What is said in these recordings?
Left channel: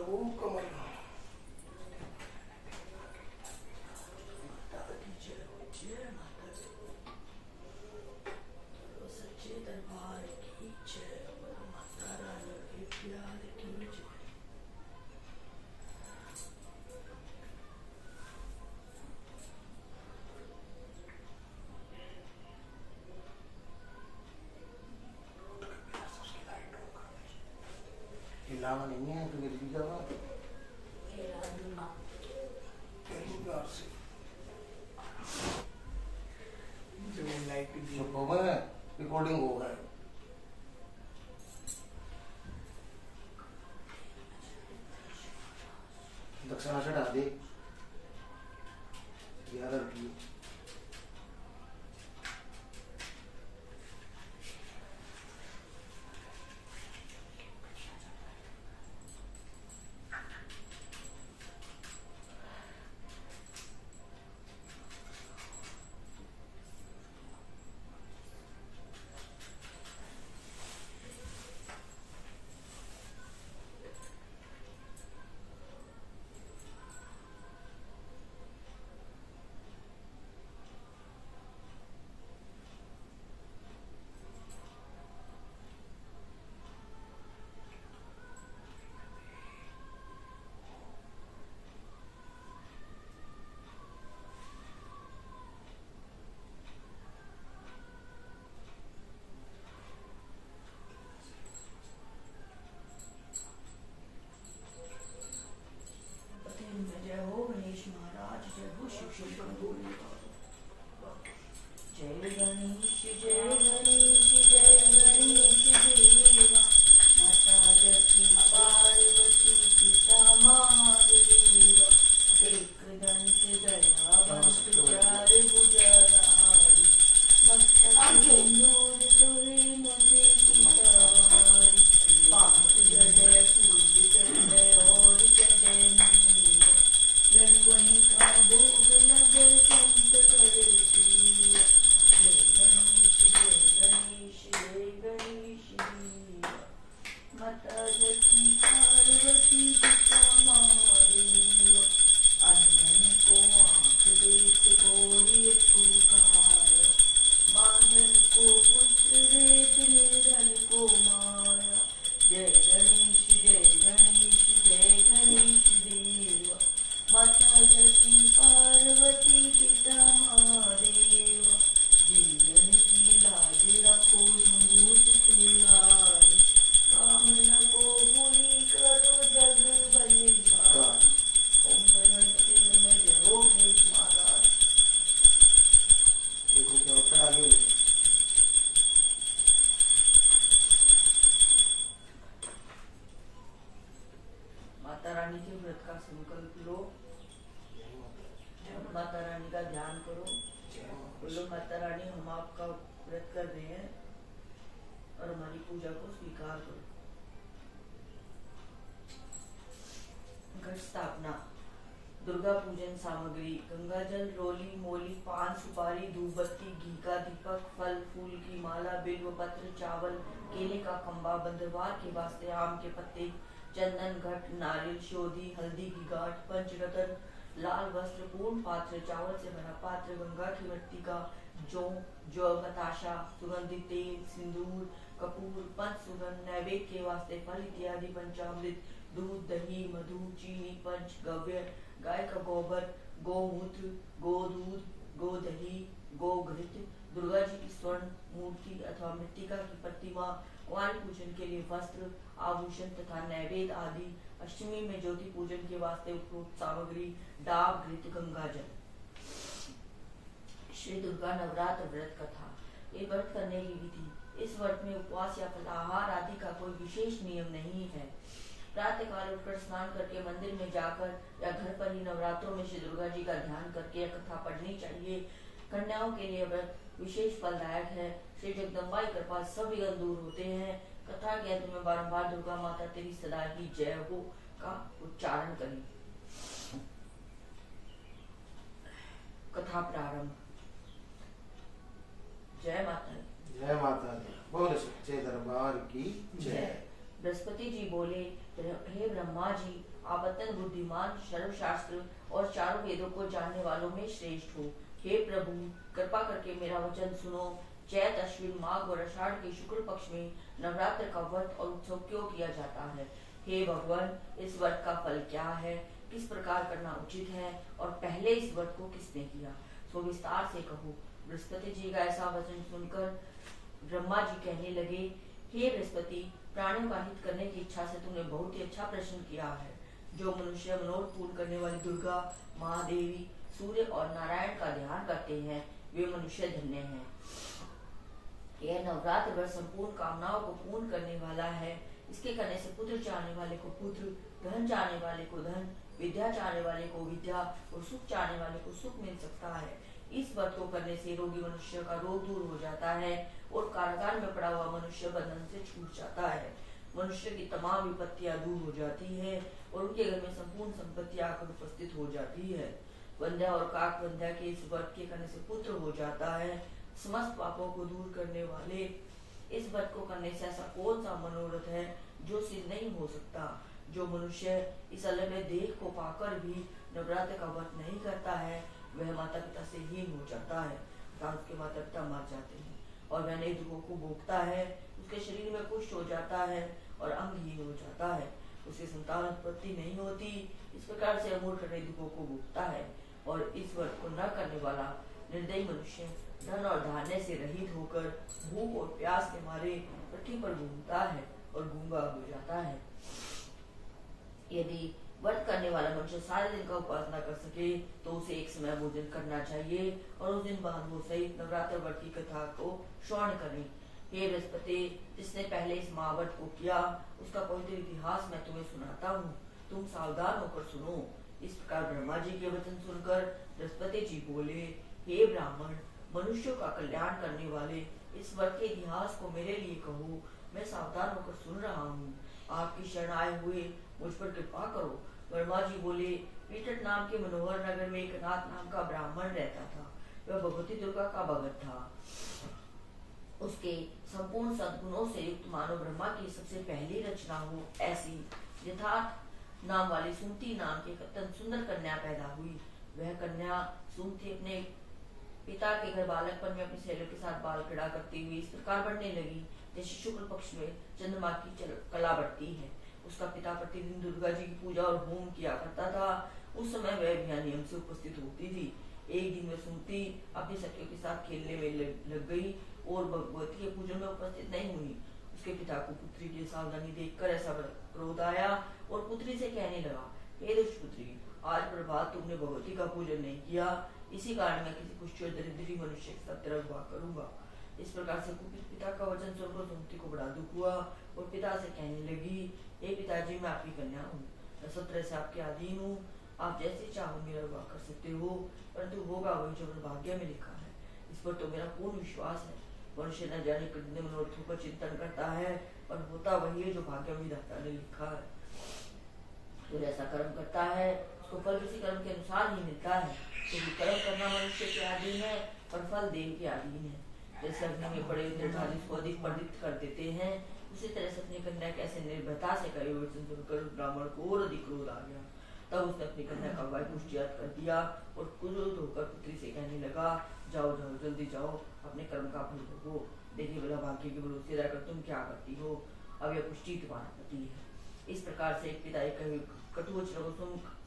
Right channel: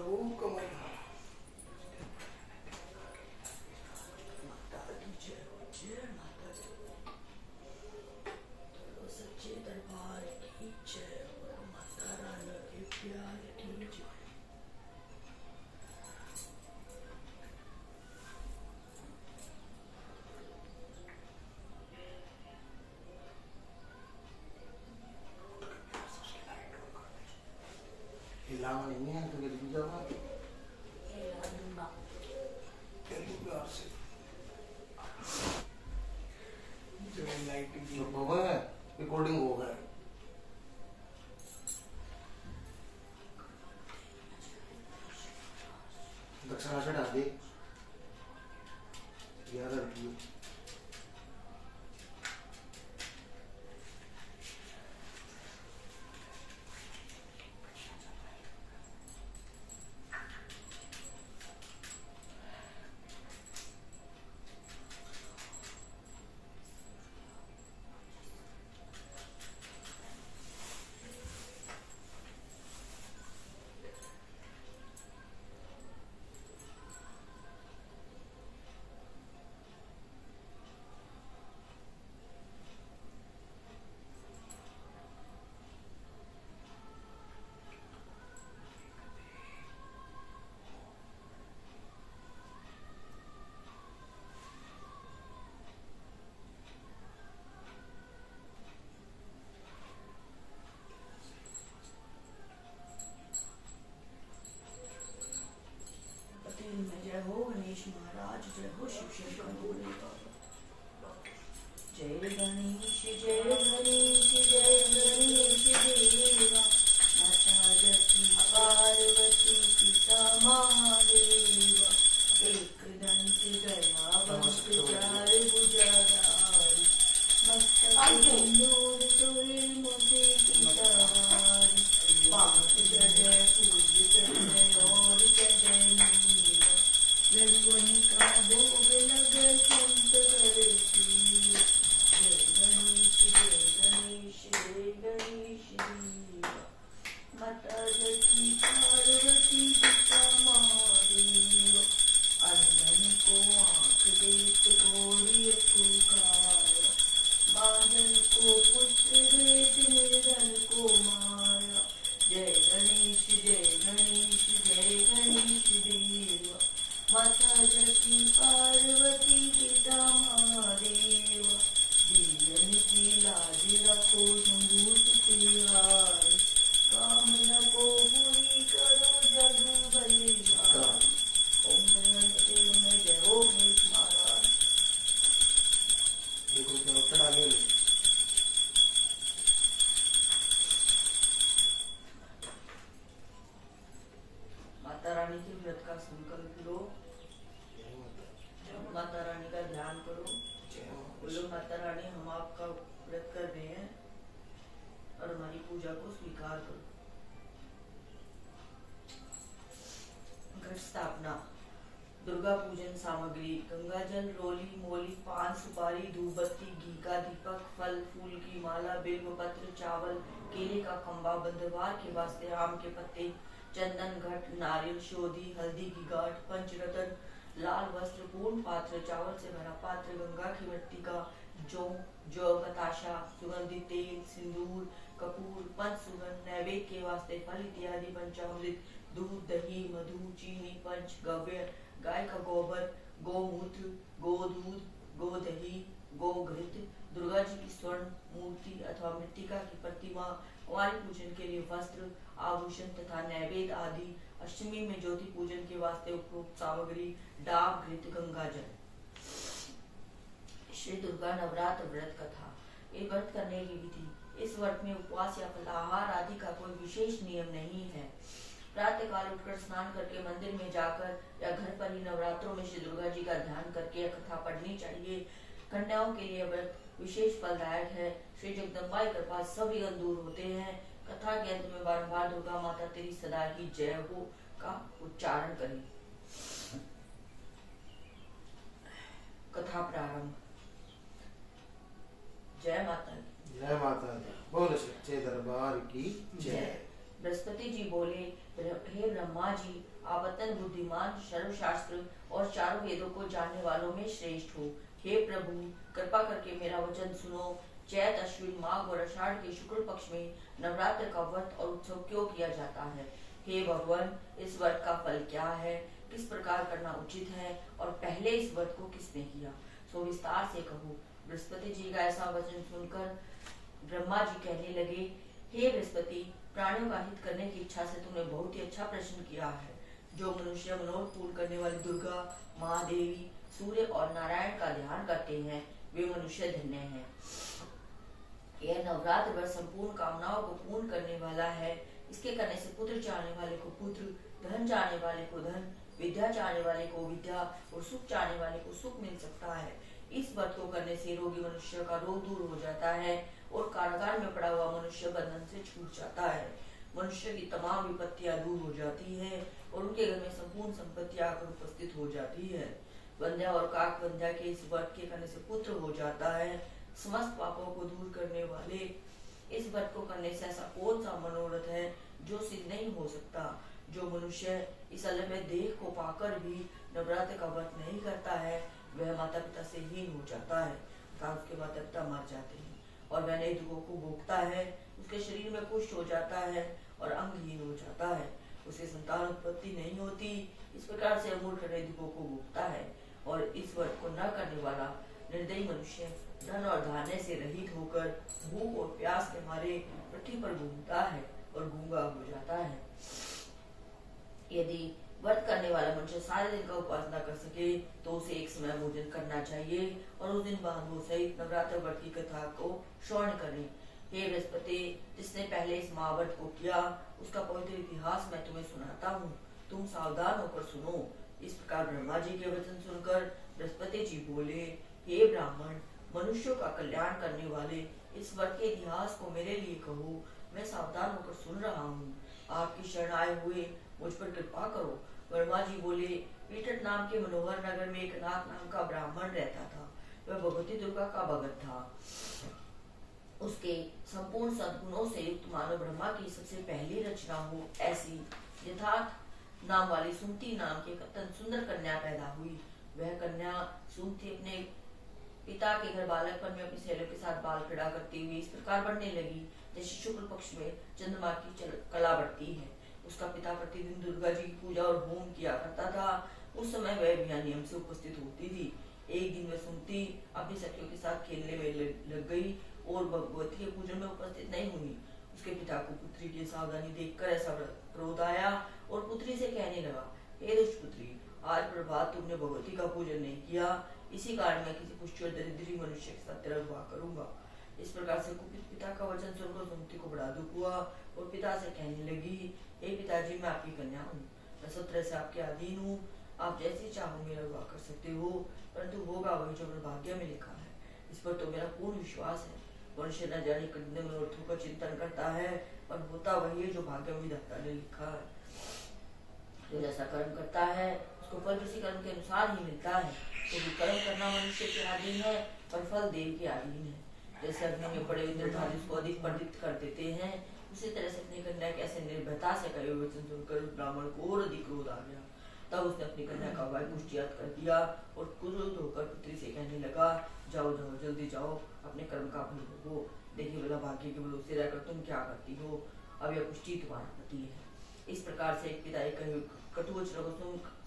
करो कमल। सच्चे दरबार की जय, माता रानी के प्यार की जय। हिलाना नहीं है तो गिर भी जाऊंगा। हिला दूंगा तेरी प्यार से। लाइट चुप हो गए, रिकॉर्डिंग हो गए। दक्षिणा चढ़ा दे 11 रुपये। जय हो गणेश महाराज, जय हो शिव शंकर भोले बाबा। जय गणेश जय गणेश जय गणेश देवा, माता लक्ष्मी पार्वती पिता महादेवा। एक दंत गणावंत चार भुजधारी, मस्तक सिंदूर तोरे मुझे सवारी। पाँच जय सूर्य चढ़े और चढ़े मीरा, यदुवनि का भोग लगे संत करे प्रिय। जय गणेश जय गणेश जय गणेश देवा, माता लक्ष्मी पार्वती पिता महादेवा। अंधन को आँख देत घोड़िय पुकारा, बांधन को पुत्र देत निधन को मारा। जय गणेश जय गणेश जय गणेश देवा, माता लक्ष्मी पार्वती पिता महादेवा। जीवन की लाज रखो संभूत तिहारी, कामना को पूरी करो जग बलिहारी। ओम गणपति नमः। जय हो गणेश महाराज। देखो क्या चढ़ा ले। माता रानी के व्रत का संकल्प लो, माता रानी का ध्यान करो। बोलो माता रानी हम आपका व्रत कर रहे हैं और हमारी पूजा को स्वीकार करो। घट स्थापना। दुर्गा पूजन सामग्री: गंगा जल, रोली, मोली, पान, सुपारी, धूप बत्ती, घी का दीपक, फल फूल की माला, बिल्व पत्र, चावल, केले का खंबा, बंदरवार के वास्ते आम के पत्ते, चंदन, घट, नारियल, शोधी, हल्दी की गांठ, पंचरत्न, लाल वस्त्र, पूर्ण पात्र, चावल से भरा पात्र, गंगा की मिट्टी का जौ, बताशा, सुगंधित तेल, सिंदूर, कपूर, पंच सुगंध, नैवेद्य के वास्ते फल इत्यादि, पंचामृत, दूध, दही, मधु, चीनी, पंच गव्य, गाय का गोबर, गोमूत्र, गोदूध, गोदही, गोघृत, दुर्गा जी की स्वर्ण मूर्ति अथवा मृत्तिका की प्रतिमा, कुंवारी पूजन के लिए वस्त्र, आभूषण तथा नैवेद्य आदि। अष्टमी में ज्योति पूजन के वास्ते उपयुक्त सामग्री: डाब, घृत, गंगा जल। श्री दुर्गा नवरात्र व्रत कथा। ये व्रत करने की विधि: इस व्रत में उपवास या फलाहार आदि का कोई विशेष नियम नहीं है। प्रातः काल उठकर स्नान करके मंदिर में जाकर या घर पर ही नवरात्रों में श्री दुर्गा जी का ध्यान करके कथा पढ़नी चाहिए। कन्याओं के लिए व्रत विशेष फलदायक है। श्री जगदम्बा की कृपा सब विघ्न दूर होते हैं। कथा के अंत में बारंबार दुर्गा माता तेरी सदा ही जय हो का उच्चारण करें। कथा प्रारंभ। जय माता दी। जय माता दी। बोल सच्चे दरबार की जय। बृहस्पति जी बोले, हे ब्रह्मा जी, आप अत्यंत बुद्धिमान, सर्वशास्त्र और चारों वेदों को जानने वालों में श्रेष्ठ हो। हे प्रभु, कृपा करके मेरा वचन सुनो। चैत, अश्विन, माघ और आषाढ़ के शुक्ल पक्ष में नवरात्र का व्रत और उत्सव क्यों किया जाता है? हे भगवान, इस व्रत का फल क्या है? किस प्रकार करना उचित है? और पहले इस व्रत को किसने किया? सो विस्तार से कहो। बृहस्पति जी का ऐसा वचन सुनकर ब्रह्मा जी कहने लगे, हे बृहस्पति, प्राणियों का हित करने की इच्छा से तुमने बहुत ही अच्छा प्रश्न किया है। जो मनुष्य मनोरथ पूर्ण करने वाली दुर्गा, महादेवी, सूर्य और नारायण का ध्यान करते हैं, वे मनुष्य धन्य हैं। यह नवरात्र व्रत संपूर्ण कामनाओं को पूर्ण करने वाला है। इसके करने से पुत्र चाहने वाले को पुत्र, धन चाहने वाले को धन, विद्या चाहने वाले को विद्या और सुख चाहने वाले को सुख मिल सकता है। इस व्रत को करने से रोगी मनुष्य का रोग दूर हो जाता है और कारागार में पड़ा हुआ मनुष्य बंधन से छूट जाता है। मनुष्य की तमाम विपत्तियां दूर हो जाती है और उनके घर में संपूर्ण संपत्ति आकर उपस्थित हो जाती है। वंध्या और काक वंध्या के इस व्रत के करने से पुत्र हो जाता है। समस्त पापों को दूर करने वाले इस व्रत को करने से ऐसा कौन सा मनोरथ है जो सिद्ध नहीं हो सकता? जो मनुष्य इस अलग देह को पाकर भी नवरात्र का व्रत नहीं करता है, वह माता पिता से हीन हो जाता है। उसके माता पिता मर जाते हैं और वह नए दुखों को भोगता है। उसके शरीर में कुष्ठ हो जाता है और अंगहीन हो जाता है। उसे संतान उत्पत्ति नहीं होती। इस प्रकार से अमूर्ख नए दुखों को भोगता है। और इस व्रत को न करने वाला निर्दयी मनुष्य धन और धान्य से रहित होकर भूख और प्यास के मारे पृथ्वी पर घूमता है और गूंगा हो जाता है। यदि व्रत करने वाला मनुष्य सारे दिन का उपासना कर सके तो उसे एक समय भोजन करना चाहिए और उस दिन बहादुर सहित नवरात्र व्रत की कथा को श्रवण करें। हे बृहस्पति, जिसने पहले इस महाव्रत को किया उसका पवित्र इतिहास मैं तुम्हें सुनाता हूँ। तुम सावधान होकर सुनो। इस प्रकार ब्रह्मा जी के वचन सुनकर बृहस्पति जी बोले, हे ब्राह्मण, मनुष्यों का कल्याण करने वाले इस व्रत के इतिहास को मेरे लिए कहो। मैं सावधान होकर सुन रहा हूँ। आपकी शरण आए हुए मुझ पर कृपा करो। ब्रह्मा जी बोले, पीटट नाम के मनोहर नगर में एक नाथ नाम का ब्राह्मण रहता था। वह भगवती दुर्गा का भगत था। उसके संपूर्ण सद्गुणों से युक्त मानो ब्रह्मा की सबसे पहली रचना हो ऐसी यथार्थ नाम वाली सुमति नाम की अत्यंत सुंदर कन्या पैदा हुई। वह कन्या सुमति अपने पिता के घर बालकपन में अपनी सहेलियों के साथ बाल क्रीड़ा करती हुई इस प्रकार बढ़ने लगी जैसे शुक्ल पक्ष में चंद्रमा की कला बढ़ती है। उसका पिता प्रतिदिन दुर्गा जी की पूजा और होम किया करता था। उस समय वह भी नियम से उपस्थित होती थी। एक दिन वह सुमति अपनी सखियों के साथ खेलने में लग गई और भगवती के पूजन में उपस्थित नहीं हुई। उसके पिता को पुत्री की सावधानी देखकर ऐसा क्रोध आया और पुत्री से कहने लगा, हे दुष्ट पुत्री, आज प्रभात तुमने भगवती का पूजन नहीं किया। इसी कारण मैं किसी कुष्ठ दरिद्री मनुष्य के साथ तेरा विवाह करूंगा। इस प्रकार से कुपित पिता का वचन सुनकर सुमति को बड़ा दुख हुआ और पिता से कहने लगी, हे पिताजी, मैं आपकी कन्या हूँ। मैं सब तरह से आपके अधीन हूँ। आप जैसे चाहो मेरा विवाह कर सकते हो, परंतु होगा वही जो मेरे भाग्य में लिखा है। इस पर तो मेरा पूर्ण विश्वास है। मनुष्य न जाने कितने मनोरथों का चिंतन करता है, पर होता वही है जो भाग्य में विधाता ने लिखा है। जो जैसा कर्म करता है उसको फल किसी कर्म के अनुसार ही मिलता है। क्योंकि कर्म करना मनुष्य के अधीन है और फल देव के अधीन है। जैसे अग्नि में पड़े हुए निर्धारित उसको अधिक प्रदीप्त कर देते हैं, उसी तरह से अपनी कन्या कैसे निर्भयता से कहे वचन सुनकर ब्राह्मण को और अधिक क्रोध आ गया। तब उसने अपनी कन्या का वाय पुष्टियात कर दिया और क्रोध होकर पुत्री से कहने लगा, जाओ जाओ जल्दी जाओ, अपने कर्म का फल भोगो। देखिए भला भाग्य के भरोसे रहकर तुम क्या करती हो। अब यह पुष्टि तुम्हारा पति है। इस प्रकार से एक पिता कहे कटु वचनों को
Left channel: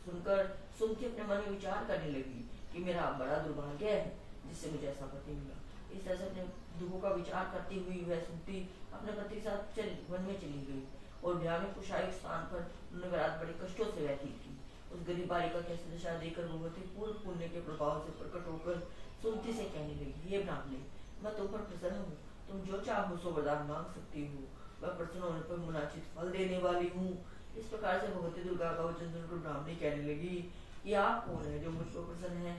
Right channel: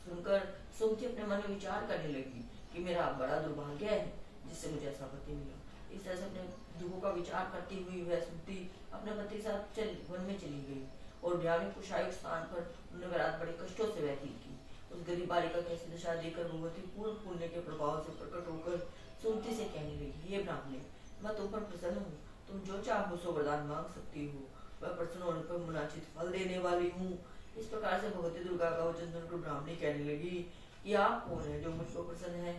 सुनकर सुमति अपने मन में विचार करने लगी कि मेरा बड़ा दुर्भाग्य है जिससे मुझे ऐसा पति मिला। इस तरह से अपने दुखों का विचार करती हुई वह सुमति अपने पति के साथ वन में चली गई और ब्याह में कुशाई स्थान पर उन्होंने रात बड़े कष्टों से व्यतीत की। उस गरीब बालिका की ऐसी दशा देखकर भगवती पूर्ण पुण्य के प्रभाव से प्रकट होकर सुमति से कहने लगी, हे ब्राह्मणे, मैं तुम पर प्रसन्न हूँ। तुम जो चाहो सो वरदान मांग सकती हो। मैं प्रसन्न होने पर मुनाचित फल देने वाली हूँ। इस प्रकार से भगवती दुर्गा का वचन सुनकर ब्राह्मणी कहने लगी कि आप कौन है जो मुझ पर प्रसन्न है,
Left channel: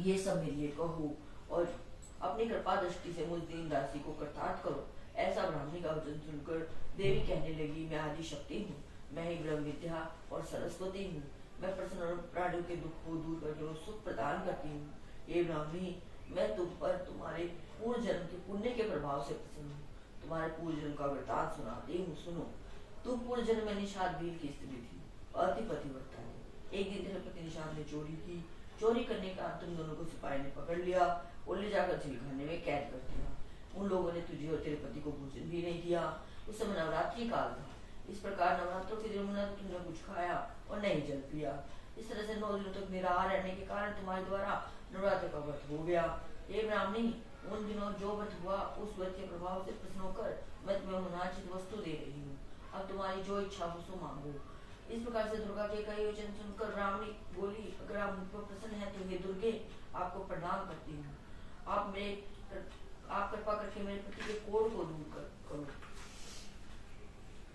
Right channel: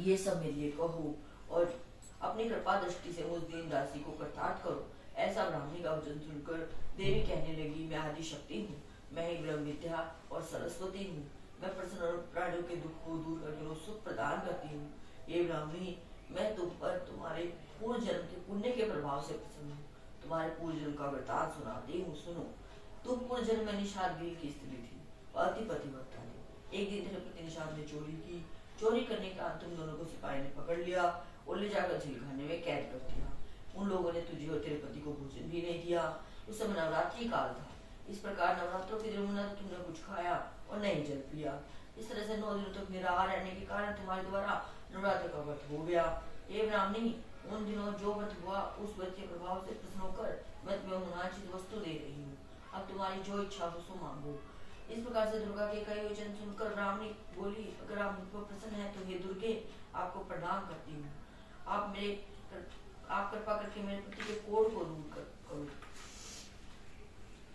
ये सब मेरे लिए कहो और अपनी कृपा दृष्टि से मुझ दीन दासी को कृतार्थ करो। ऐसा ब्राह्मणी का वचन सुनकर देवी कहने लगी, मैं आदि शक्ति हूँ। मैं ही ब्रह्म विद्या और सरस्वती हूँ। मैं प्रसन्न और प्राणियों के दुख को दूर करके सुख प्रदान करती हूँ। ये ब्राह्मणी, मैं तुम पर तुम्हारे पूर्व जन्म के पुण्य के प्रभाव से प्रसन्न हूँ। तुम्हारे पूर्व जन्म का वृतांत सुनाती हूँ, सुनो। तुम पूर्व जन्म में निषाद वीर की स्त्री थी, अति पतिव्रता थी। एक दिन तेरे पति निषाद ने चोरी की। चोरी करने का तुम दोनों को सिपाही ने पकड़ लिया और ले जाकर जेलखाने में कैद कर दिया। उन लोगों ने तुझे और तेरे पति को भोजन भी नहीं दिया। उस समय नवरात्रि काल था। इस प्रकार नवरात्रों के दिनों में तुमने कुछ खाया और नहीं जल पिया। इस तरह से 9 दिनों तक निराहार रहने के कारण तुम्हारे द्वारा नवरात्र का व्रत हो गया। हे ब्राह्मणी, उन दिनों जो व्रत हुआ उस व्रत के प्रभाव से प्रसन्न होकर मैं तुम्हें मनोवांछित वस्तु दे रही हूँ। अब तुम्हारी जो इच्छा हो सो मांगो। इस प्रकार से दुर्गा के कई वचन सुनकर ब्राह्मणी बोली, अगर आप मुझ पर प्रसन्न हैं तो हे दुर्गे, आपको प्रणाम करती हूँ। आप कृपा करके मेरे पति के कोढ़ को दूर करो।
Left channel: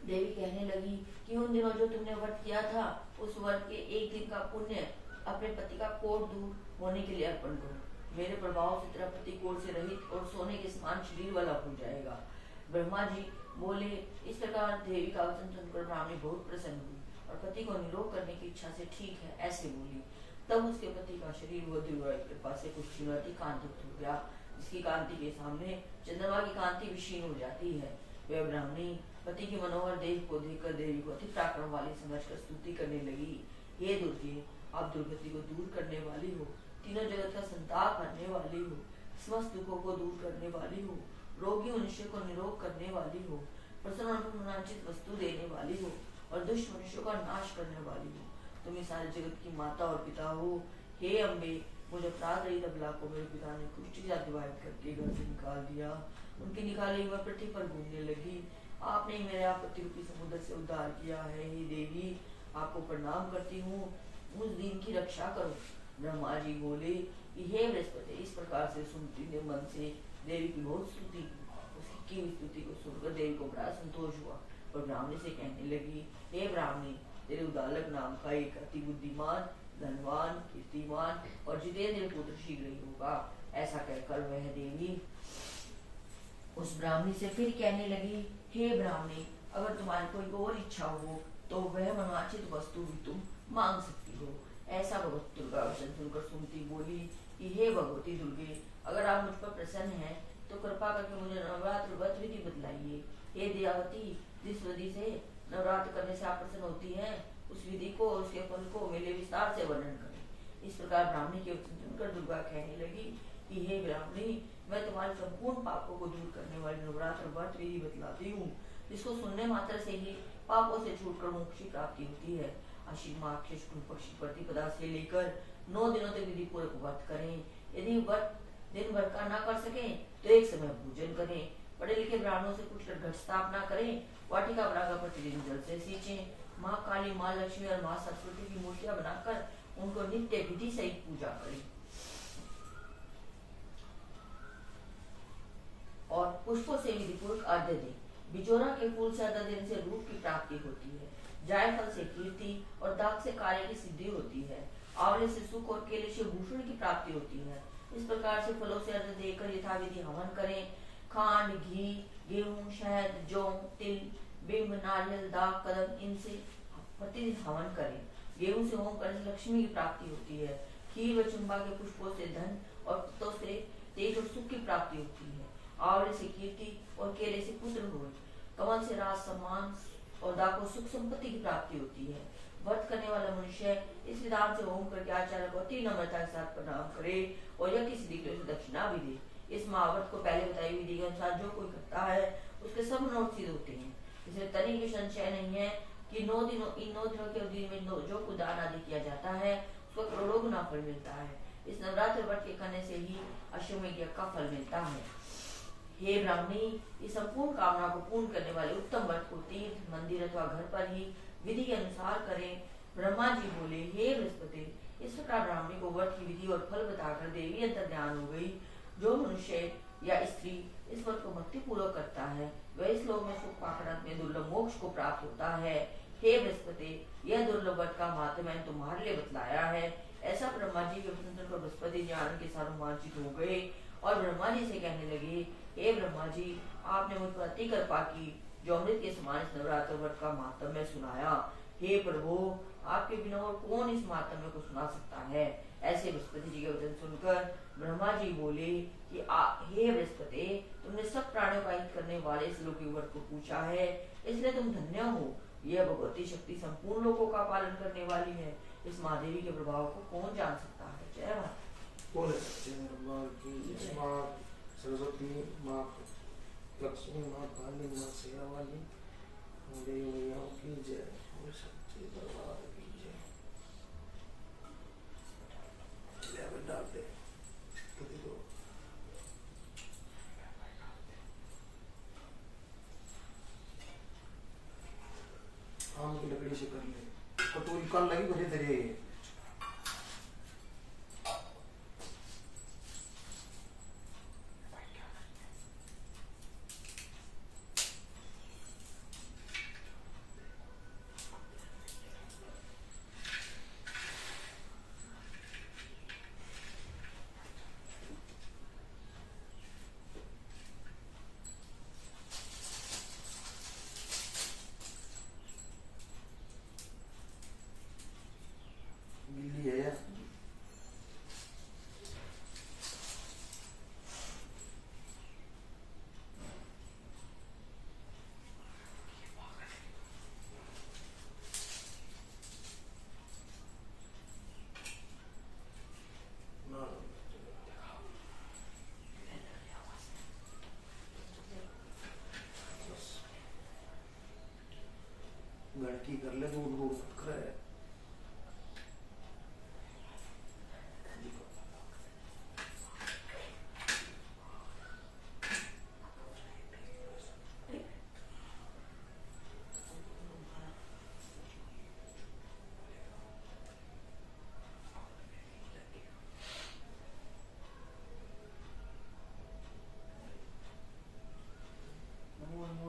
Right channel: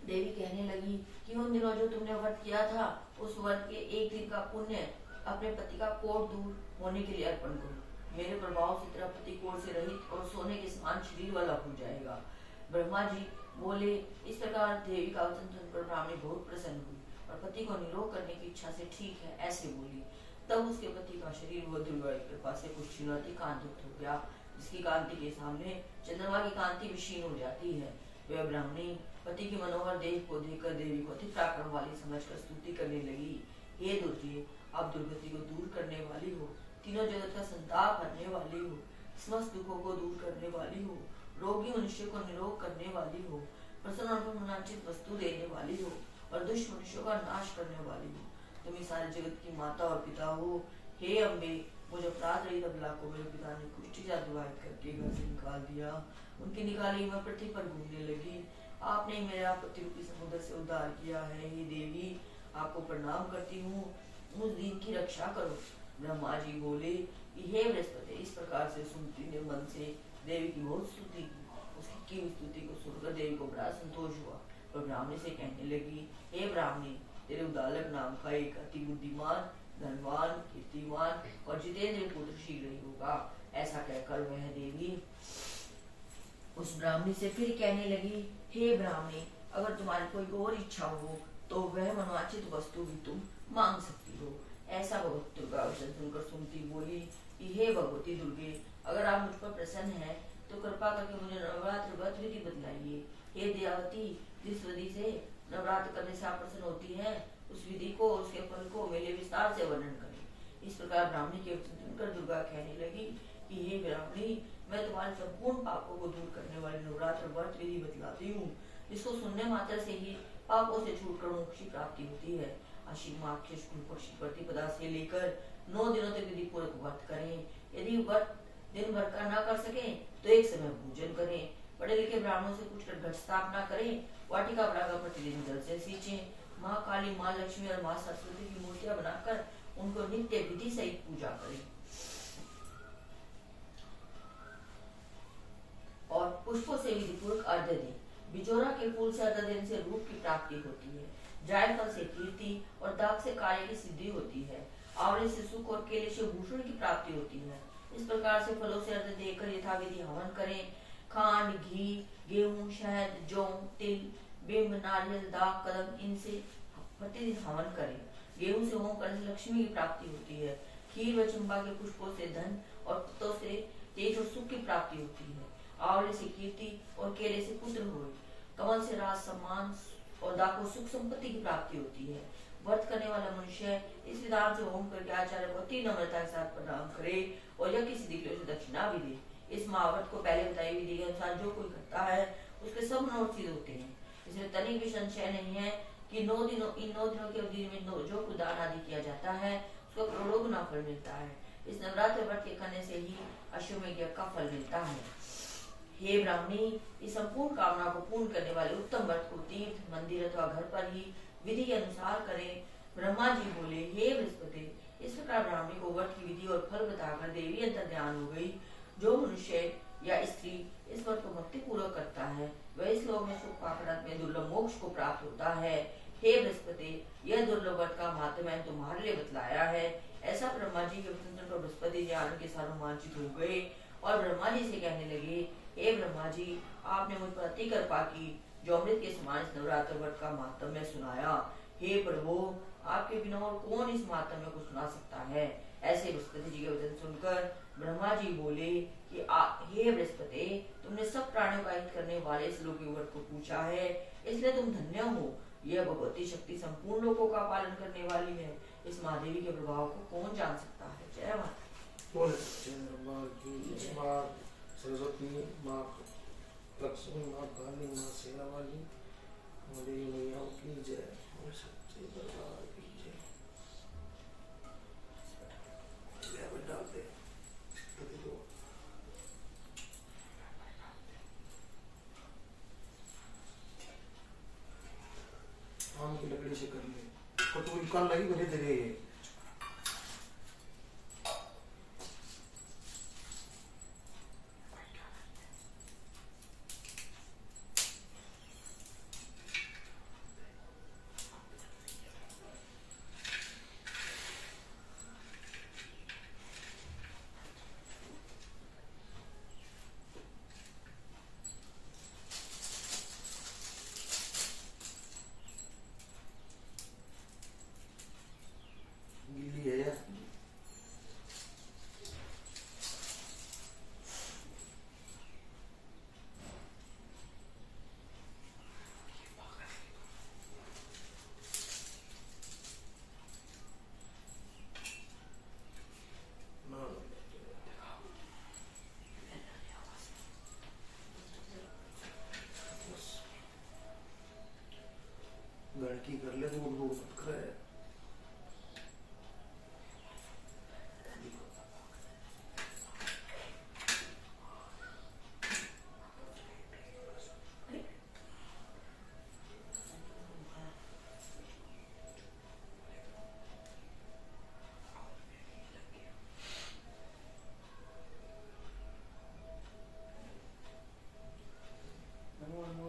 देवी कहने लगी कि उन दिनों जो तुमने व्रत किया था उस व्रत के एक दिन का पुण्य अपने पति का कोढ़ दूर होने के लिए अर्पण करो। मेरे प्रभाव से तेरा पति कोढ़ से रहित और सोने के समान शरीर वाला हो जाएगा। ब्रह्मा जी बोले। इस प्रकार देवी का वचन सुनकर ब्राह्मणी बहुत प्रसन्न हुई और पति को निरोग करने की इच्छा से ठीक है ऐसे बोली। तब उसके पति का शरीर वह दुर्गा के पास से कुछ क्षीणवती कांतियुक्त हो गया, जिसकी कांति के सामने चंद्रमा की कांति विशीर्ण हो जाती है। वह ब्राह्मणी पति की मनोहर देह को देखकर देवी को अति पराक्रम वाली समझकर स्तुति करने लगी। हे दुर्गे, आप दुर्गति को दूर करने वाली हो, तीनों जगत का संताप करने वाली हो, समस्त दुखों को दूर करने वाली हो, रोगी मनुष्य को निरोग करने वाली हो, प्रसन्न और मनोवांछित वस्तु देने वाली हो और दुष्ट मनुष्यों का नाश करने वाली हो। तुम इस सारे जगत की माता और पिता हो। हे अम्बे, मुझे अपराध रहित अबला को मेरे पिता ने कुष्ठी से विवाहित करके घर से निकाल दिया। उनकी निकाली हुई पृथ्वी पर घूमने लगी। आपने मेरा पति रूपी समुद्र से उद्धार किया है। हे देवी, आपको प्रणाम करती हूँ, उस दिन की रक्षा करो। ब्रह्मा जी बोले कि हे बृहस्पति, इस प्रकार से सुमति ने मन से देवी की बहुत स्तुति की। उसकी स्तुति को सुनकर देवी को बड़ा संतोष हुआ और ब्राह्मणी से कहने लगी, हे ब्राह्मणी, तेरे उदालक नाम का एक अति बुद्धिमान, धनवान, कीर्तिमान और जितेंद्र पुत्र शीघ्र ही होगा। ऐसा कहकर वह देवी उस ब्राह्मणी से फिर कहने लगी, हे ब्राह्मणी, अगर तुम्हारी कोई और इच्छा हो तो वह मनोवांछित वस्तु भी तुम मांग सकती हो। ऐसा भगवती दुर्गा वचन सुनकर सुमति बोली कि हे भगवती दुर्गे, अगर आप मुझ पर प्रसन्न हैं तो कृपा करके मुझे नवरात्र व्रत विधि बतलाइए। हे दयावती, जिस विधि से नवरात्र करने से आप प्रसन्न होती है उस विधि को, उसके फल को मेरे विस्तार से वर्णन करें। इस प्रकार ब्राह्मणी के वचन सुनकर दुर्गा कहने लगी कि हे ब्राह्मणी, मैं तुम्हारे संपूर्ण पापों को दूर करने वाली नवरात्र व्रत विधि बतलाती हूँ, जिसको सुनने मात्र से ही पापों से छूटकर मोक्ष की प्राप्ति होती है। आश्विन माह के शुक्ल पक्ष की प्रतिपदा से लेकर 9 दिनों तक विधि पूर्वक व्रत करें। यदि व्रत दिन भर का ना कर सके तो एक समय भोजन करें। पढ़े लिखे ब्राह्मणों से पूछकर घट स्थापना करें। वाटिका बनाकर प्रतिदिन जल से सींचें। माँ काली, माँ लक्ष्मी और माँ सरस्वती की मूर्तियां बनाकर उनको नित्य विधि सहित पूजा करें और पुष्पों से विधिपूर्वक अर्घ्य दें। बिजोरा के फूल से अर्घ्य देने से रूप की प्राप्ति होती है। जायफल से कीर्ति और दाग से कार्य की सिद्धि होती है। आंवले से सुख और केले से भूषण की प्राप्ति होती है। इस प्रकार से फलों से अर्घ्य देकर यथाविधि हवन करें। खांड, घी, गेहूं, शहद, जौ, तिल, बिंब, नारियल, दाग, कदम, इनसे प्रतिदिन हवन करें। गेहूं से होम करने से लक्ष्मी की प्राप्ति होती है। खीर व चंपा के पुष्पों से धन और पत्तों से तेज और सुख की प्राप्ति होती है। आंवले से कीर्ति और केले से पुत्र हुए। कमल से राज, सम्मान और दाग को सुख संपत्ति की प्राप्ति होती है। व्रत करने वाला मनुष्य इस विधान से होम करके आचार्य को अति नम्रता के साथ प्रणाम करे और यज्ञ की सिद्धि के लिए दक्षिणा भी दे। इस महाव्रत को पहले बताई विधि के अनुसार जो कोई करता है उसके सब मनोरथ सिद्ध होते हैं। इसमें तनिक भी संशय नहीं है कि इन 9 दिनों के अवधि में जो कुछ दान आदि किया जाता है उसको करोड़ों गुना फल मिलता है। इस नवरात्र व्रत के करने से ही अश्वमेध यज्ञ का फल मिलता है। हे ब्राह्मणी, इस संपूर्ण कामना को पूर्ण करने वाले उत्तम व्रत को तीर्थ, मंदिर अथवा घर पर ही विधि के अनुसार करें। ब्रह्मा जी बोले, हे बृहस्पति, इस प्रकार ब्राह्मणी को व्रत की विधि और फल बताकर देवी अंतर ध्यान हो गई। जो मनुष्य या स्त्री इस व्रत को भक्ति पूर्वक करता है वह इस लोक में सुख पाकर अंत में दुर्लभ मोक्ष को प्राप्त होता है। हे बृहस्पति, यह दुर्लभ व्रत का महत्व मैंने तुम्हारे लिए बतलाया है। ऐसा ब्रह्मा जी के वचन सुनकर बृहस्पति जी आनंद के साथ रोमांचित हो गए और ब्रह्मा जी से कहने लगे, हे ब्रह्मा जी, आपने मुझ पर अति कृपा की जो अमृत के समान इस नवरात्र व्रत का महत्व में सुनाया। हे प्रभु, आपके बिना और कौन इस मातम को सुना सकता है। ऐसे बृहस्पति जी के वचन सुनकर ब्रह्मा जी बोले कि हे बृहस्पति, तुमने सब प्राणियों का हित करने वाले इस लोक युवक को पूछा है, इसलिए तुम धन्य हो। यह भगवती शक्ति संपूर्ण लोकों का पालन करने वाली है। इस महादेवी के प्रभाव को कौन जान सकता है। जय माता। माँ सरस्वती, माँ लक्ष्मी, माँ काली, माँ सेना वाली, देवी मैया की जय। सच्चे दरबार की जय। डालते आम की लकड़ी से कर ले, कटोरी कल लगी भरे धरे। गणकी कर ले, दूर दूर मत करे।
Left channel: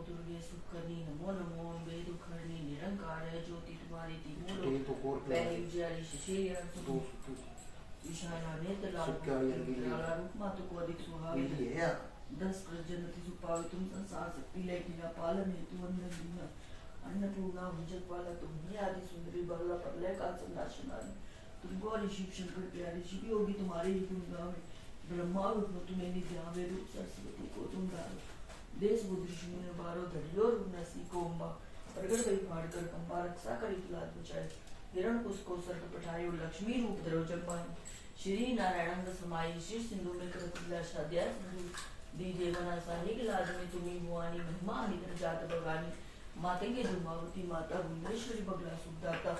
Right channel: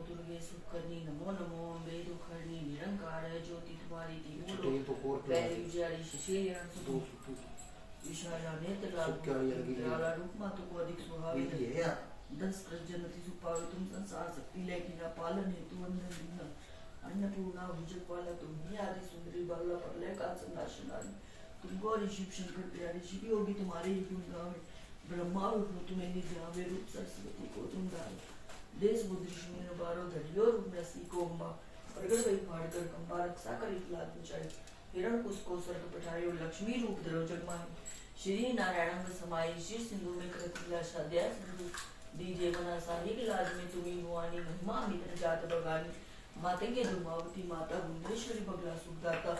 दुर्गे सुखकर्णी, नमो नमो अम्बे दुखहरणी, निरंकार ज्योति तुम्हारी तीनों तो लोक, पहले विजयारी शिशिर विशाला नेत्र लाला रूप मातु को अधिक सुहावी, 10 जनति सुपावे तुम संसार शक्ति लेकिन पालन हेतु अंधन दीना, अन्नपूर्णा भुजगपाला तुम ही आदि सुंदरी बाला प्रलय काल संनाशनारी, तुमको ऋषि शंकर प्यारी शिवी होगी तुम्हारे ही गुण गावे, ब्रह्मा विष्णु तुम्हें निध्यावे, रूप सरस्वती को तुम गावे, देश बुद्धि शून्य बारो धरियो रूप नसी को अम्बा, प्रगट भई फाड़कर कंबा रक्षा कर इतलात बचाई, हिरण कुश को स्वर्ग पठायो, लक्ष्मी रूप धरो जगमाई, श्री नारायण समाई, शिव सिंधु में कृतला शाद्याय सिंधु दीजे मना साहिक लाज में तुम्ही भुआनी, महिमा अमित जात बगानी, मातंगे धूमावती माता गुंडेश्वरी बगला सुखदाता,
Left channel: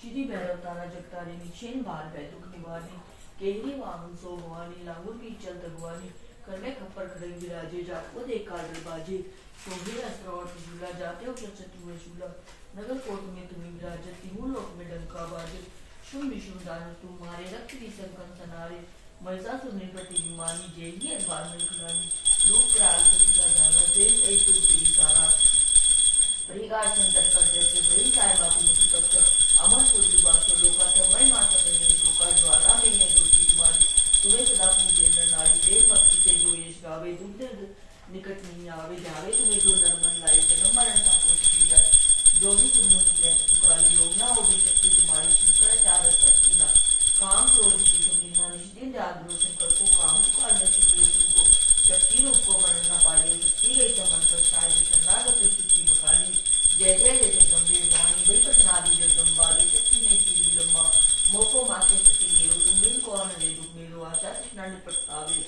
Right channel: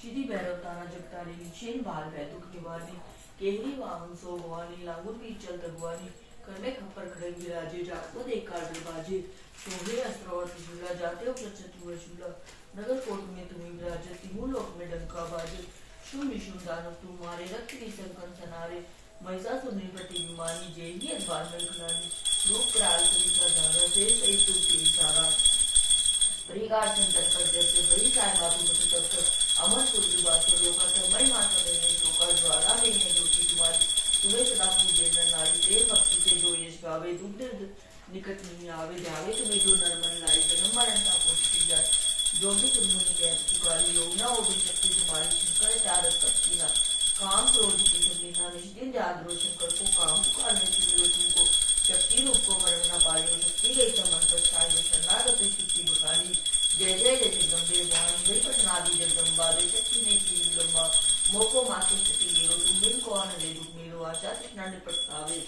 श्री भैरव तारा जगतारी, निक्षेण भार भय दुख निवारणी, केहरी वाहन सो भवानी, लांगुर की चल तगवानी, करने खप्पर खड़क विराजे, जाको देख काल बाजे, शोभे अस्त्र और त्रिशूला, जाते हो प्रचतु शूला, नगर कोट में तुम्हें विराजे, तीनों लोक में डंका बाजे, शुम निशुम दानव तुम्हारे, रक्त की संकन सनारे, महिषासुर निपति विमानी, जेही अखबार में खिलानी, रूप कराल तुमका जाना, शेष एक तुम तेरी सारा, परिकार संतर कर जैसे बड़ी चाय मातु मति तब अमर पुरी बासो लोका तमय माता नहीं लोका ज्वाला में है ज्योति तुम्हारी, तुम्हें सदा पूजे नर नारी, प्रेम भक्ति से जो यश गावे, दुख निकट नहीं आवे, जावे तुम्हें जो नरमन लाई, जन्म मरण का कोश की जाए, जो भी तुम पुकारी योजना हो भी शक्ति तुम्हारी, शंकर चार शक्ति ना, काम क्रोध की तुमना, निष्दिन जाग रोशन कर को काम पुकारने सुनियो तुमको, शक्ति रूप को मरण न पायो, शक्ति गई मन पर साई, शरणागत सिद्धि बखानी, जय जय जय गंभीर जानी, वही पटनादि जगदम्बा, वे शक्ति ने की विलंबा, मोको माते सती मेरो, तुम बिन कौन रे दुख मेरो, आशा तृष्णा निपटावे,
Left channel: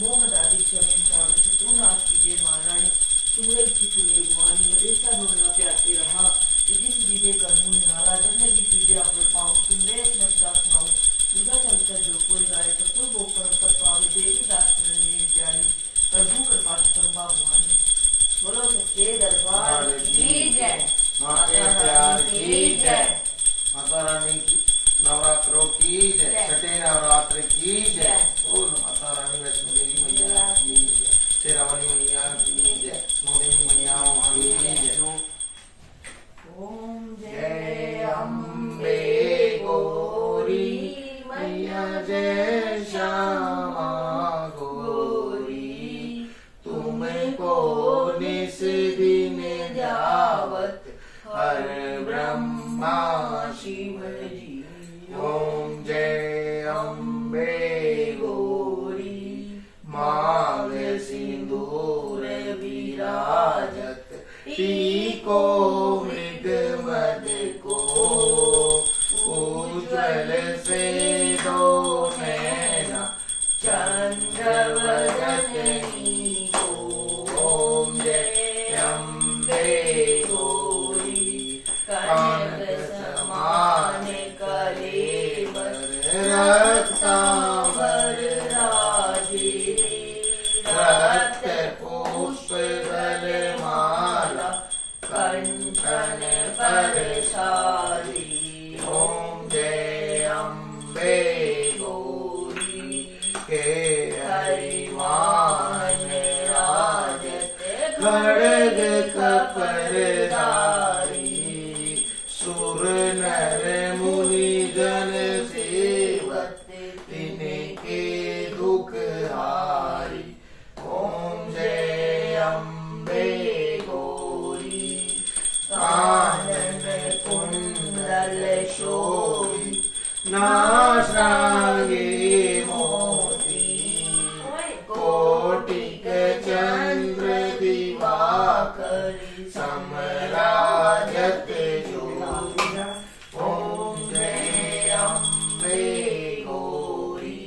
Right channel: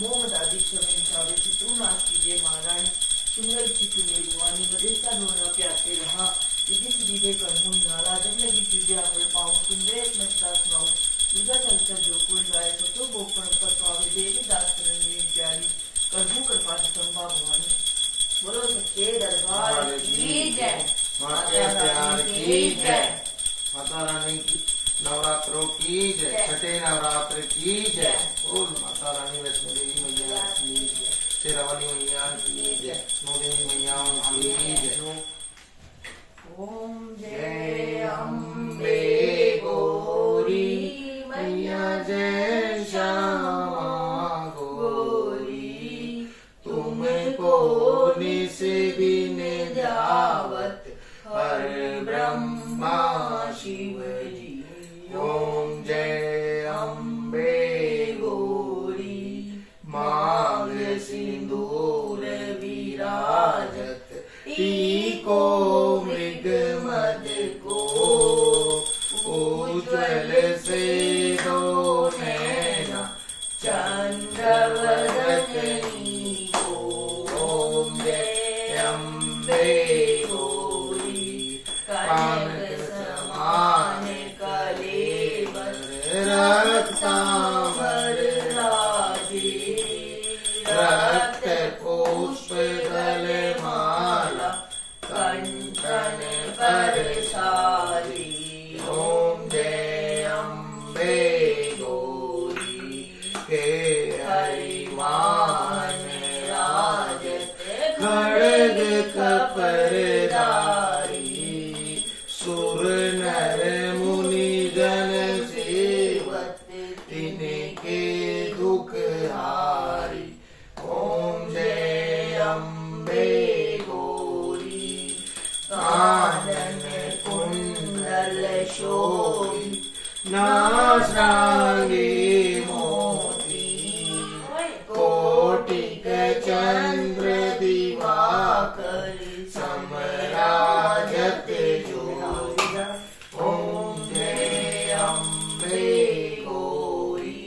मोह मदादि क्षमन चावे, तू नाश कीजिए महारानी, तुम्हें चित्त ले भुआनी, मदेशा ढोना प्यासे रहा, यदि सीधे करहूँ निहारा, जब लगी सीधे आकर पाऊँ, तुम्हें एक मसदा सुनाऊँ, तुझा चलकर जो कोई गाय, तो गोकर पर पावे, देवी दास प्यारी, प्रभु कृपा संभा भुआनी, बोलो सच्चे दरबार की जय, माता रानी की जय, माता रानी की नवरात्रों की जय, छठे नवरात्र की जय, बोल माता रानी वैष्णो देवी मैया की जय, शेरावाली मैया की जय, नौ देवी मैयाओं की जय। ओम जय अम्बे गौरी मैया जय श्यामा गौरी, तुमको निस दिन जावत हर ब्रह्मा शिव रक्तांबर राजे, रक्त पुष्प गलमाला कंठन पर सारी। ओम जय अम्बे गौरी के हरिमान राजत खड़ग कपरधारी, सुर नर मुनि जन सेवत तिनके दुख हारी। ओम जय अम्बे गौरी कानन कुंडल शोभि, नासांगे मोती, कोटिक चंद्र दिवाकर समराजत ज्योति। ओम जय अम्बे गौरी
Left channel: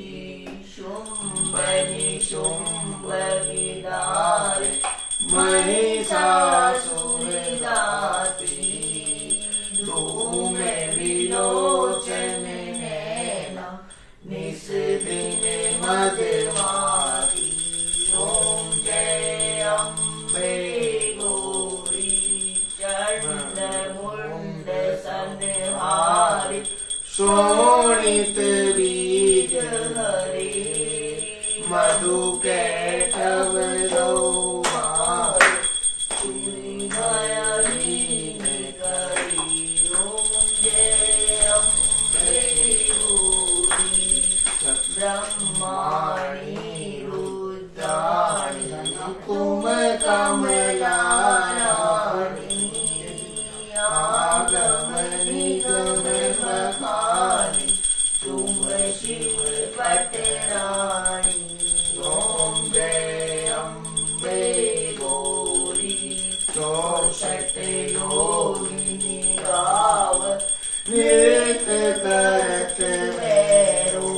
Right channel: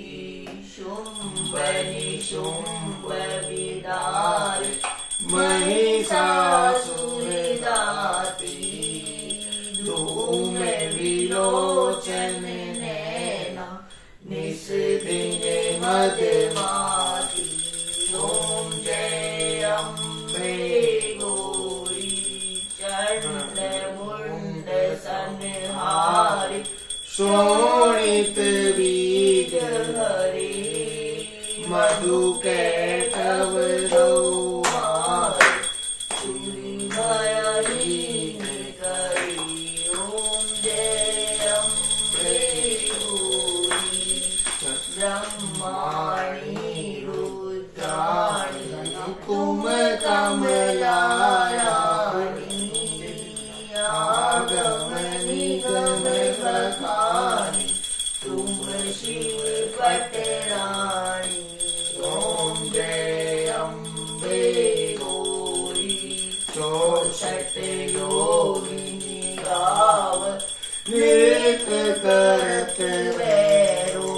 शुंभ निशुंभ विदार, महिषासुर दाती, धूम विलोचन नैना, निस दिन मदमाती। ओम जय अम्बे गौरी चंड मुंड संहारी, शोणित बीज हरे, मधु कैटव दौहार, चूरी भयहीन करी। ओम जय अम्बे गौरी ब्रह्माणी रुद्राणी, कुम कमला रानी, आगम निगम बखानी, तुम शिव पटरानी। ओम जय अम्बे गौरी 64 योगिनी गाव, नृत्य करत भैरो,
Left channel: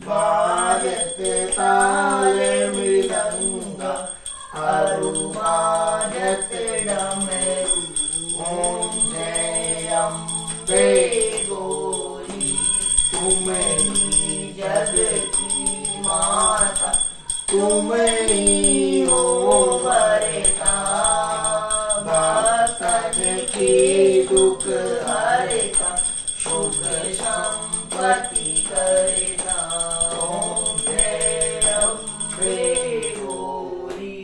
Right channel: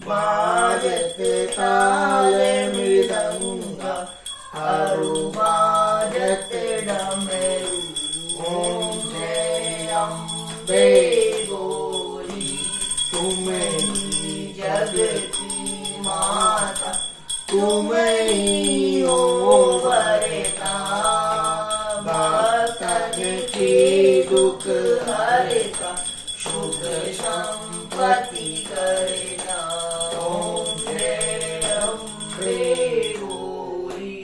बाजत ताल मृदंगा, अरु बाजत डमरू। ओम जय अम्बे गौरी तुम ही जग की माता, तुम ही हो वरता, भक्तन की दुख हरता, शुभ संपत्ति करता। ओम जय अम्बे गौरी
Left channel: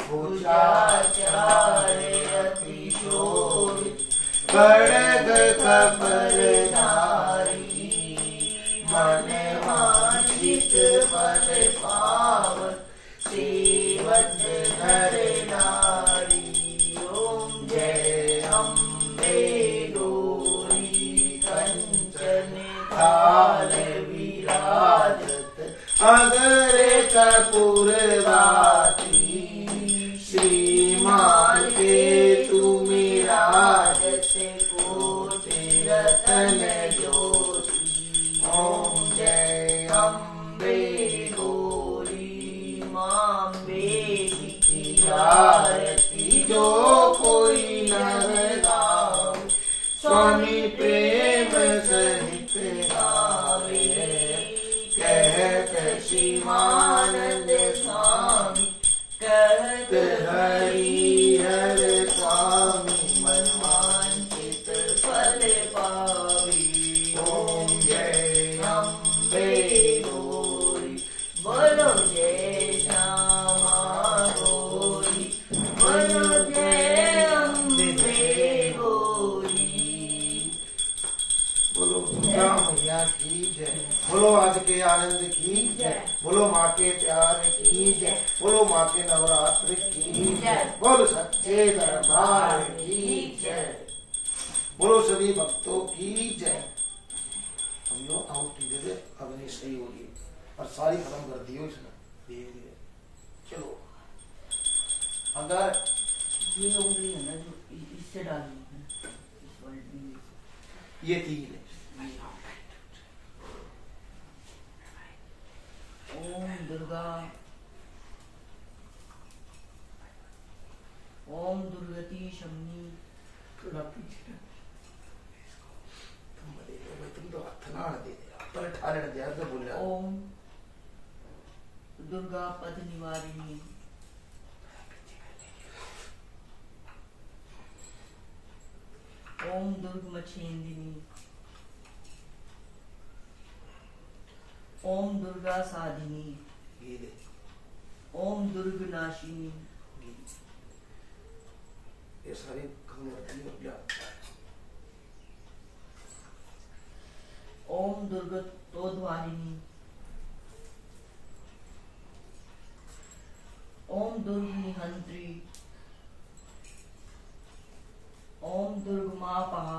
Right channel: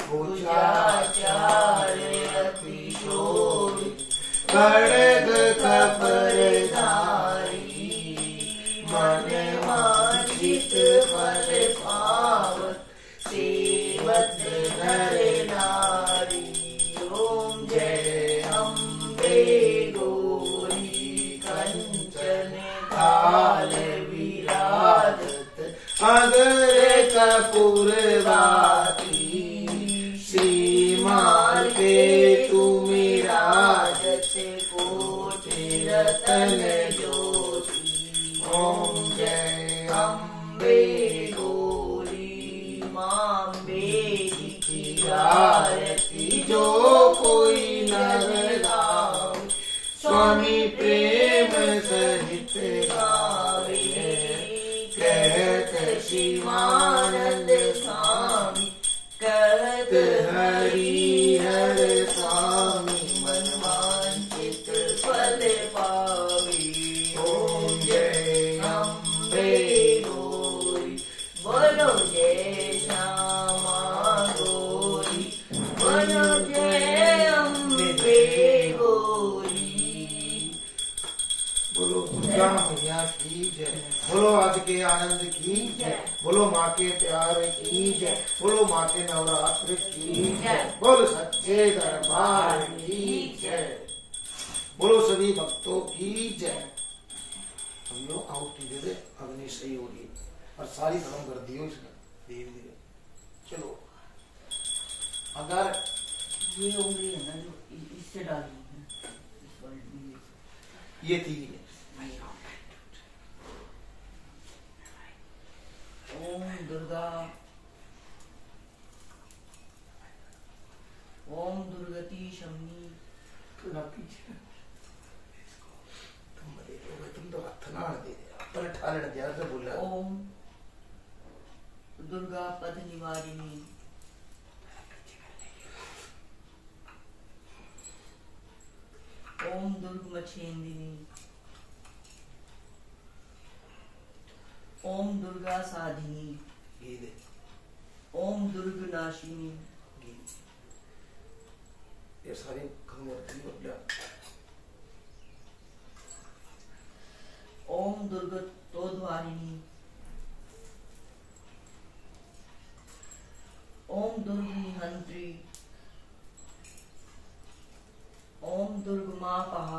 भुजाचार्य अति शोभित, खड्ग कपरधारी, मन वांछित फल पावत, सेवत नर नारी। ओम जय अम्बे गौरी कंचन थाल विराजत, अगर कपूर बाती, श्रीमान के तुम राजत, कोटि रतन ज्योति। ओम जय अम्बे गौरी मांबे की आरती, जो कोई नर गावे, स्वामी प्रेम सहित गावे, कहत शिवानंद स्वामी, कहत हरि हर स्वामी, मन वांछित फल पावे। ओम जय अम्बे गौरी बोलो जय श्यामा गौरी, बोलो जय अम्बे गौरी। बोलो दुर्गा मैया की जय, बोलो आज के आनंद की जय, बोलो माँ के प्यार की जय, बोलो माँ के नवरात्र की जय, बोलो सच्चे दरबार की जय, बोलो सभी भक्तों की जय। हम लोग आउट दे दे, अग्नि सही होगी और सारी खत्म कर दी हो इसने धीरे धीरे। चलो अगर ये उंगली है ना जो इससे डाली है, इस वाली में ये तीन है। ओम दुर्गा, ओम दुर्गति शमनी। थोड़ा पीछे तुम बदे लो भाई, तुम तो हाथ ना दे दे पर ताले ध्यान से बोला। ओम दुर्गा पद निवारिणी। ओम दुर्ग मछेंदिनी। ओम दुर्गा साधिनी। ओम दुर्ग नाशिनी। ये सारी बदला। ओम दुर्गतोद्वारिणी। ओम दुर्ग निहंत्री। ओम दुर्ग मापहा।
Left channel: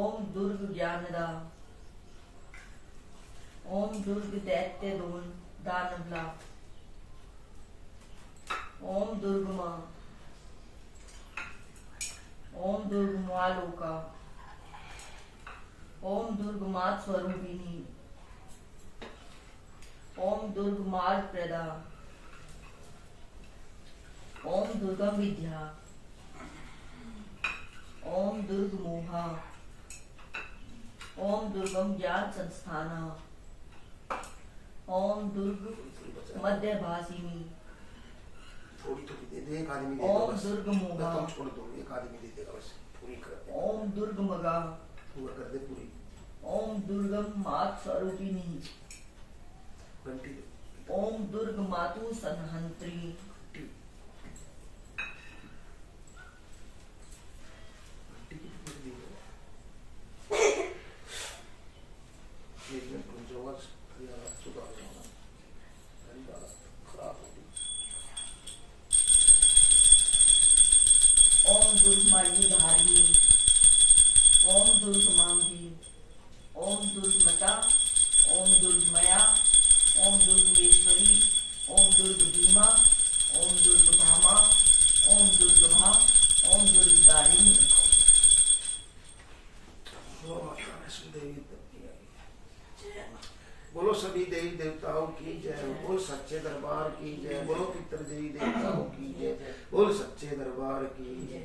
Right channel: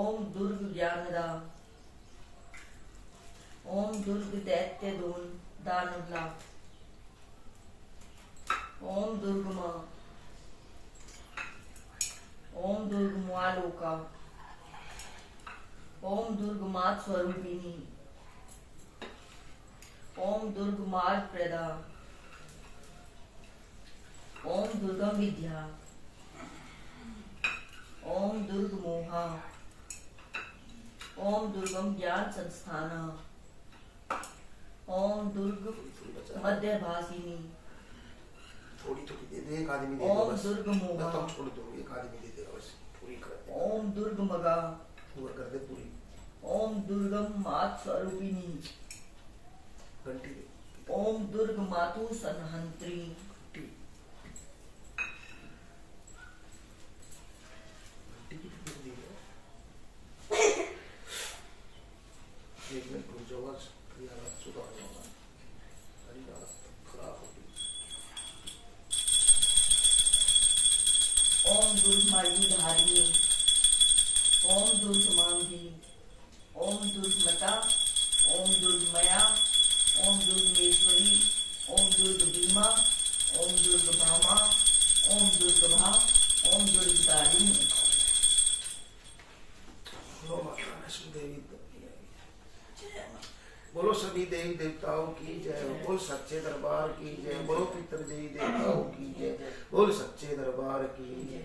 ओम दुर्ग ज्ञानदा। ओम दुर्ग दैत्य दानवला। ओम दुर्ग मां। ओम दुर्ग मालोका। ओम दुर्ग मात स्वरूपिणी। ओम दुर्ग मार्ग प्रदा। ओम दुर्गम विद्या। ओम दुर्ग मोहा। ओम दुर्गम ज्ञान संस्थान। ओम दुर्ग मध्यभासिनी। थोड़ी थोड़ी दे दे, एक आदमी दे ओम बस। दुर्ग मोहा। तुम छोड़ दो, एक आदमी दे देगा बस। पूरी कर दे। ओम दुर्ग मगा। पूरा कर दे पूरी। ओम दुर्गम मात स्वरूपिणी। घंटी दे। ओम दुर्ग मातु संहंत्री। घंटी की फिर दी है। एक मिनट रुक जाओ, हालत सुधार जाऊंगा। तेरी हालत खराब हो गई। ओम दुर्ग मायुधारिणी। ओम दुर्ग मांगी। ओम दुर्ग मता। ओम दुर्ग मया। ओम दुर्ग मेश्वरी। ओम दुर्ग भीमा। ओम दुर्ग भामा। ओम दुर्ग भा। ओम दुर्ग दारिणी। बोलो सभी देवी देवताओं की जय। बोल सच्चे दरबार की जय। बोलो पितर देवी देवताओं की जय। बोल सच्चे दरबार की जय।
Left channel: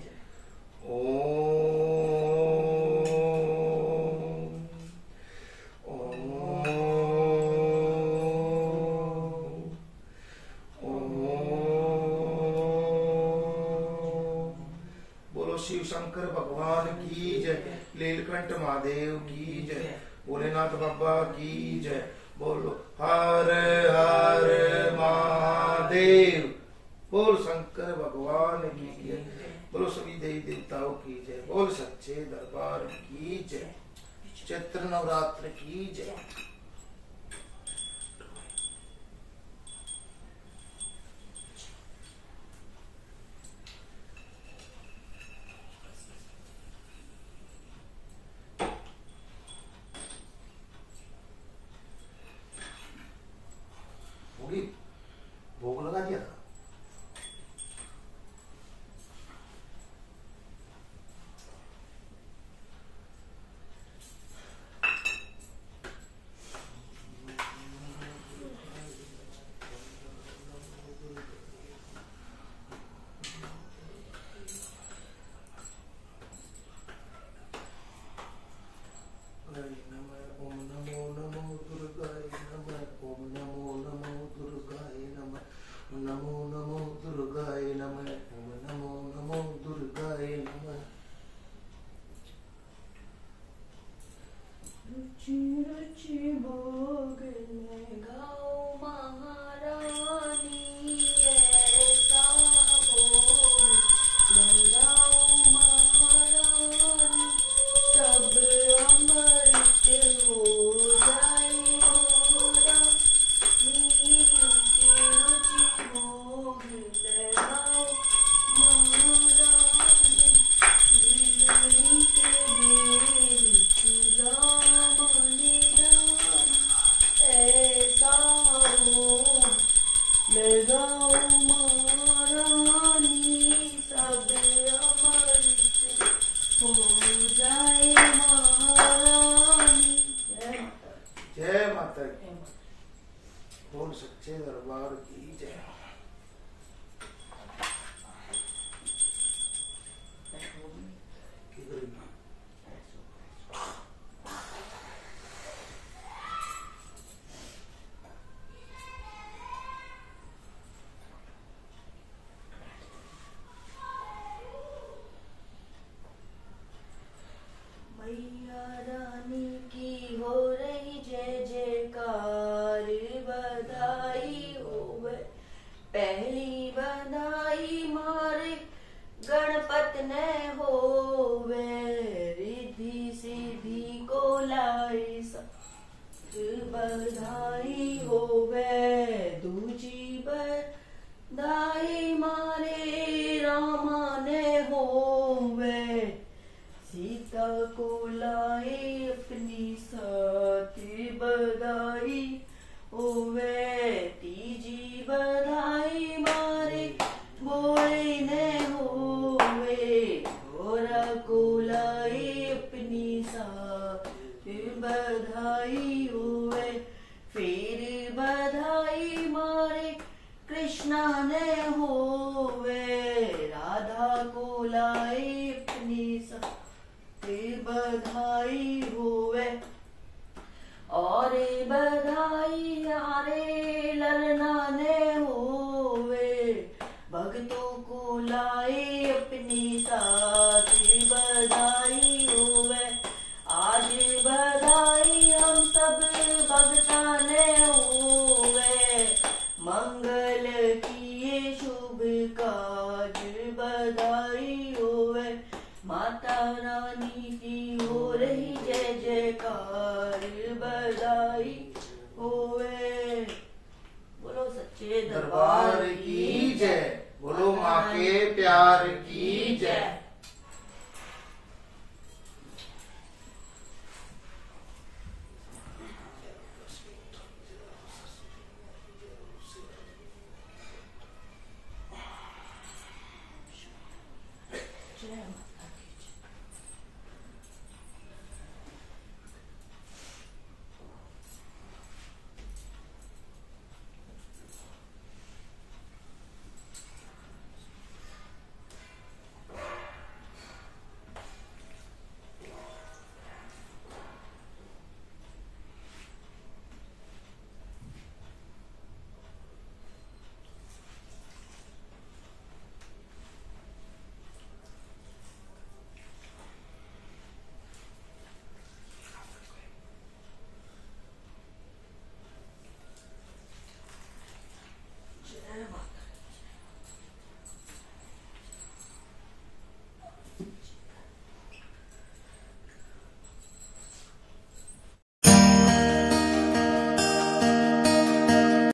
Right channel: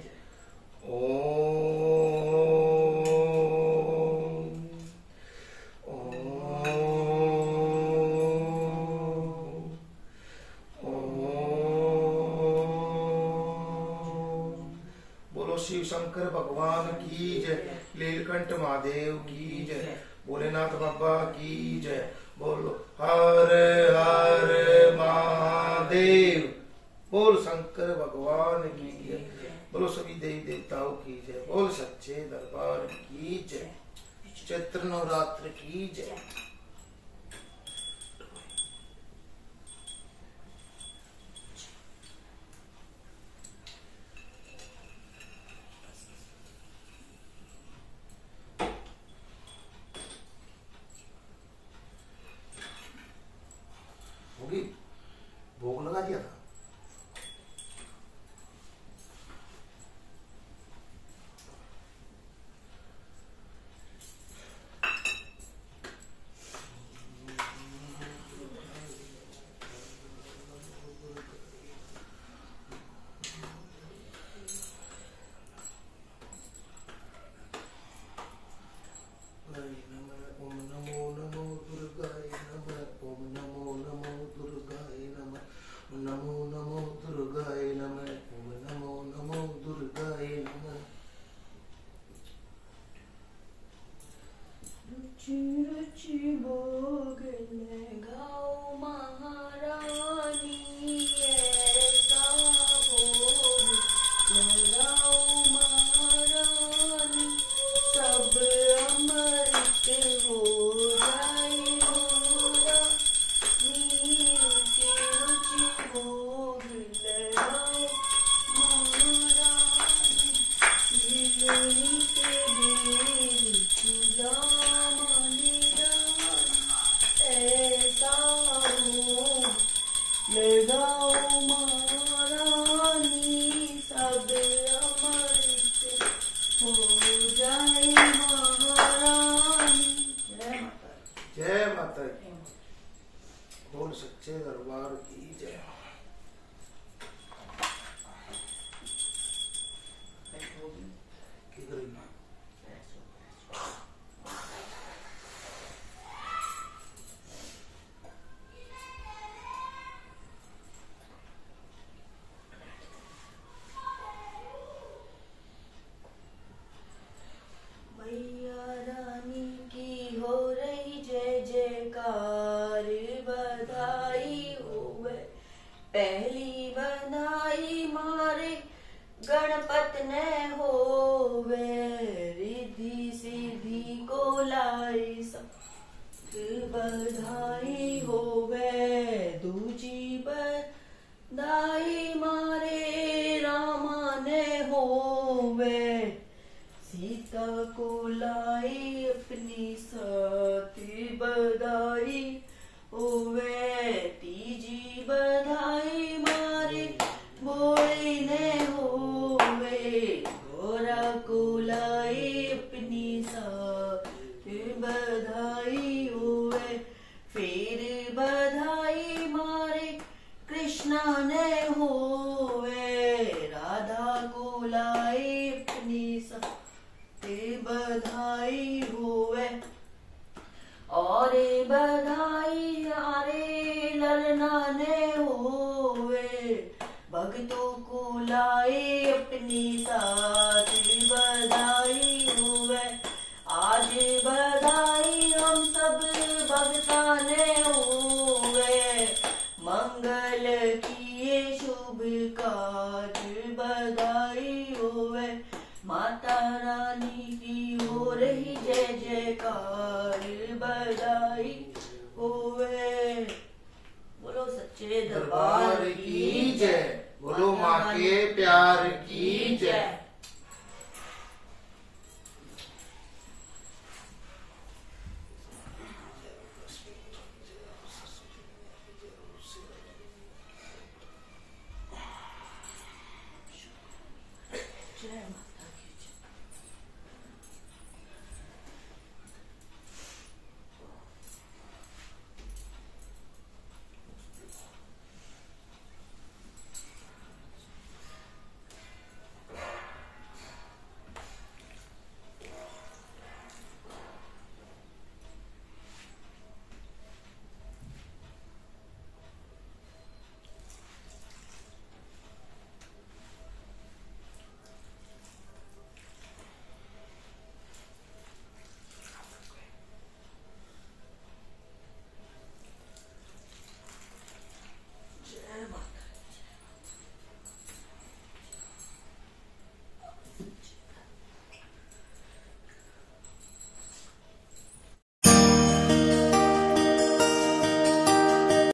बोलो शिव शंकर भगवान की जय। लीलकंठ महादेव की जय। भोलेनाथ बाबा की जय। बोलो हर हर महादेव। बोल शंकर भगवान की जय। बोलो सभी देवी देवताओं की जय। बोल सच्चे दरबार की जय। चैत्र नवरात्र की जय। होगी, भोग लगा दिया था। ओम नमो नमो दुर्गाय नमः। ओम नमो नमो दुर्गाय नमः। नमो नमो दुर्गाय नमः। ओम नमो नमो दुर्गाय नमः। रुचि रुचि भोग लगाओ महारानी। ऐसा भोग लगाओ महारानी। सब अमृत हो जाए मोरा। रुचि रुचि भोग लगाओ महारानी। दिल से दिल चुरा मन रानी। रिद्धि को लाए सब बधाई होवे। दूजी बधाई मारे रामा ने होवे। सीता को लाई अपनी साथ बधाई होवे। तीजी बधाई मारे भोले ने होवे। घोड़ा को लाई अपनी साथ बधाई होवे। फिर बधाई मारे कृष्णा ने होवे। राधा को लाई अपनी साथ बधाई होवे। और बधाई आरे ललना ने होवे। भक्तों को लाई अपनी साथ बधाई होवे। आज बधाई हम सब भक्ता ने होवे। मंगल किए शुभ काज बधाई होवे। माता रानी की हो रही जय जयकार।